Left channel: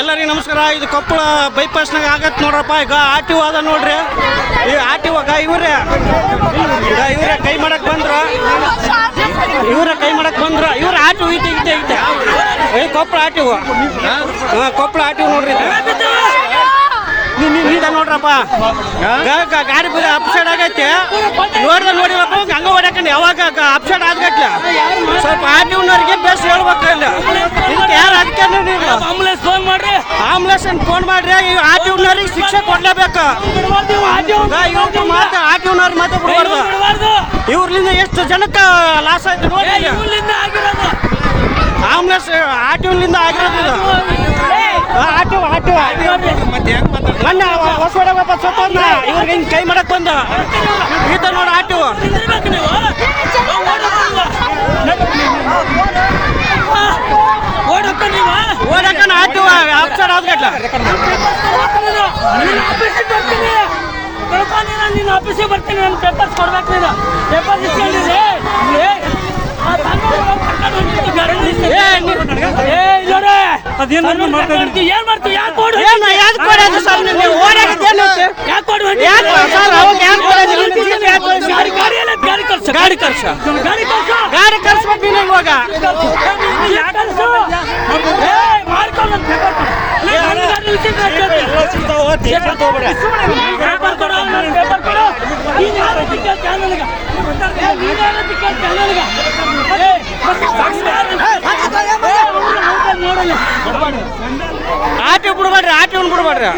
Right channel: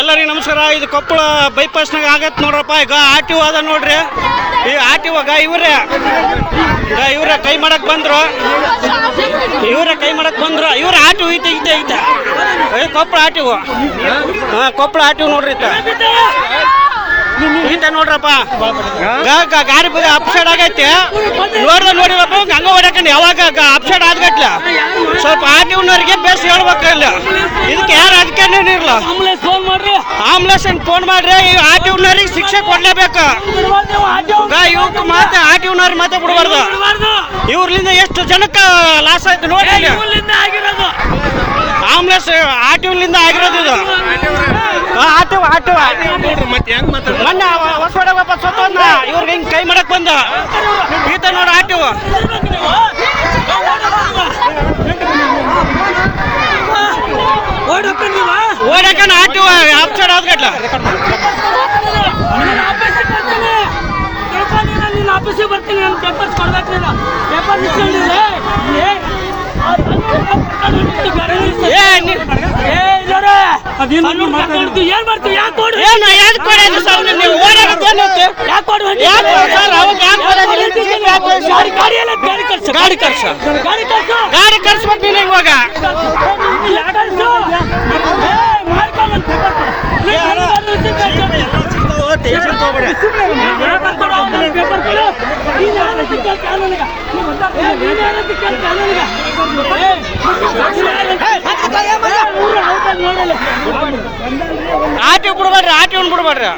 ಎಲ್ಲರಿಗೂ ನಮಸ್ಕಾರ. ಇದು ಕೊಪ್ಪಳ ಬೈಪಾಸ್ನಾಗ ಆಗತ್ತೆ ನೋಡ್ರಪ್ಪ. ಈಗ ಆರ್ ಅದ ನೋಡ್ರಿ. ಈ ಆರ್ ಟಿ ಒಗ ಇವ್ರೆ ಕೈ ಮಾಡಕ್ ಬಂದ್ರು. ಇವ್ರ ಆರ್ ಟಿ ಐತೆ Koppal R T Koppal R T ನೋಡ್ರಿ. ಹಿಂದೆ ನೋಡ್ರಪ್ಪ ಗಾಡಿ ಬದ ಅಪ್ಸೈಡ್ ಆಗೈತಿ. ನೋಡಿರಪ್ಪ ಹಂಗ ಹೊಡ್ಯಾಕಂಡು ಯಾವಾಗ ಅಪ್ಸೈಡ್ ಆದ್ಗಟ್ಲ ಸ್ವಲ್ಪ ಆರ್ ಟಿ ಊನವ್ರಿಗೆ ಬೇಸ್ ಹೇಳ್ಬೇಕು. ಇಲ್ಲ ಇದಕ್ಕೆ ಯಾರು ಅಧಿಕಾರಿ ಇರಲ್ಲ. ಆಂಬುಲೆನ್ಸ್ ಫೋನ್ ಮಾಡ್ರಿ. ಈ ಆರ್ ಟಿ ಊನವ್ರಿಗೆ ಶಿಕ್ಷೆ ಕೊಡ್ಲೇಬೇಕು. ಇವ್ರು ಮಾತ್ರ ಆರ್ ಟಿ ಊನವ್ರಿಗೆ ಮಾತ್ರ ಬಿಡಬಾರ್ದು. ಇವ್ರಲಿಂದ ಎಷ್ಟು ಜನಕ್ಕೆ ಲಾಸ್ ಆಯ್ತು ನೋಡಿ. ಆಂಬುಲೆನ್ಸ್ ಆರ್ ಟಿ ಊರ್ಲಿಂದ ಆಗಿರೋದು ಇದು. ಮೊನ್ನೆ ಹೊಸವಾಡಪ್ಪ ಸೊತ್ತ ಇವ್ರಿಗೆ ಹಿಂಗೆ ಕೈ ಮಾಡಕ್ ಬಂದ ಈತ ನೋಡಿ ಆರ್ ಟಿ ಒ. ಓಡಕನ ಆರ್ ಟಿ ಒ ಅಪ್ಸೈಡ್ ಆದ್ಗಟ್ಲ. ಆಫೀಸಿಗೆ ಬರ್ತೀನಿ ಪೇಪರ್ಸ್ ಕೊಡ್ಬೇಕು. ಗಾಡಿ ಕರ್ಸ್ಬೇಕು ನೀನು ಇವಾಗ. ಆಟಿ ಬಿಡ್ಬೇಡ್ರಿ.